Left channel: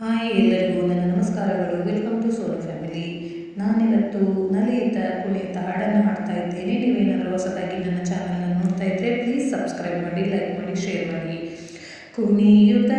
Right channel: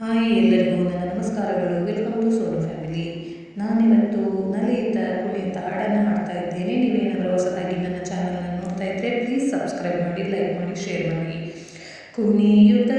Hi ಎಲ್ಲರಿಗೂ ನನ್ನ ನಮಸ್ಕಾರಗಳು. ವೆಲ್ಕಮ್ ಟು ಸೋನು ಫ್ಯಾಮಿಲಿ ನಾನಿವತ್ತು ನಲಿಯುತ್ತ, ಕುಣಿಯುತ್ತ, ಹಾಡನ್ನು ಹಾಡ್ತಾ ಇದ್ದೇನೆ. ನೀವೇನಾದರೂ ಹೊಸದಾಗಿ ನನ್ನ ಚಾನಲ್ನ ನೋಡ್ತಾ ಇದ್ದರೆ ಪ್ಲೀಸ್ ಸಬ್ಸ್ಕ್ರೈಬ್ ಮಾಡಿ ಲೈಕ್ ಮಾಡಿ ಶೇರ್ ಮಾಡಿ. ಕುಣಿಯುತ್ತ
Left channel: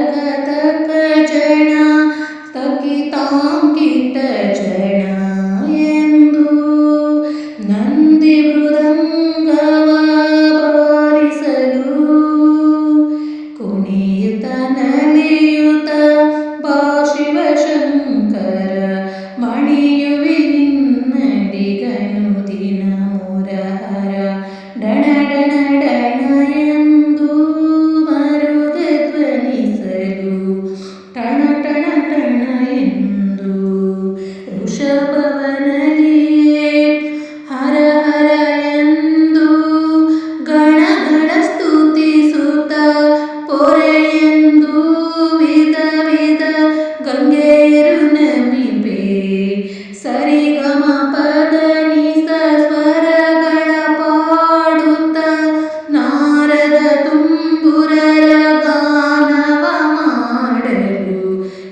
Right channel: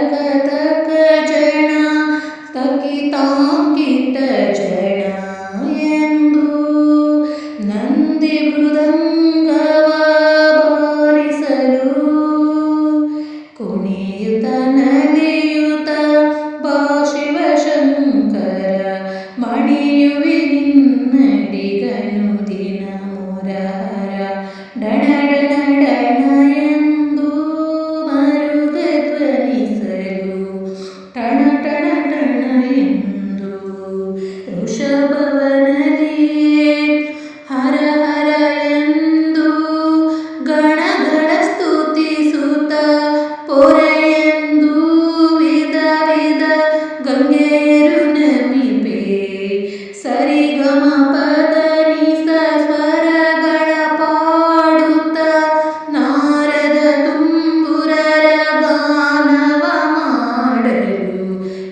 ಜಣ ತಕ ತಕ ಜಣ ತಕಿತಾಂಕಿತ ಜಣ ಎಂದು ನಂದಿ ಮೃದಂಗವ ಬಾರಿಸಲು ಕುಣಿಯುತ್ತ ನಲಿಯುತ್ತ ಬಾ ಶಿವಶಂಕರ ಮಣಿಯುವಿ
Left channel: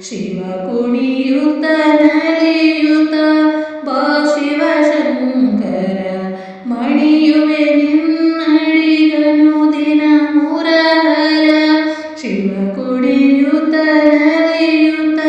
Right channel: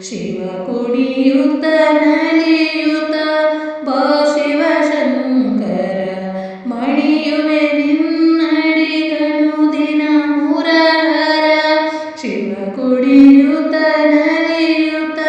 ಶಿವ ಕುಣಿಯುತ್ತ ನಲಿಯುತ್ತ ಬಾ ಶಿವಶಂಕರ ಮಣಿಯುವೆ ನಿನ್ನಡಿಗನು ದಿನ ಮುರಹರ ಶಿವ ಕುಣಿಯುತ್ತ ನಲಿಯುತ್ತ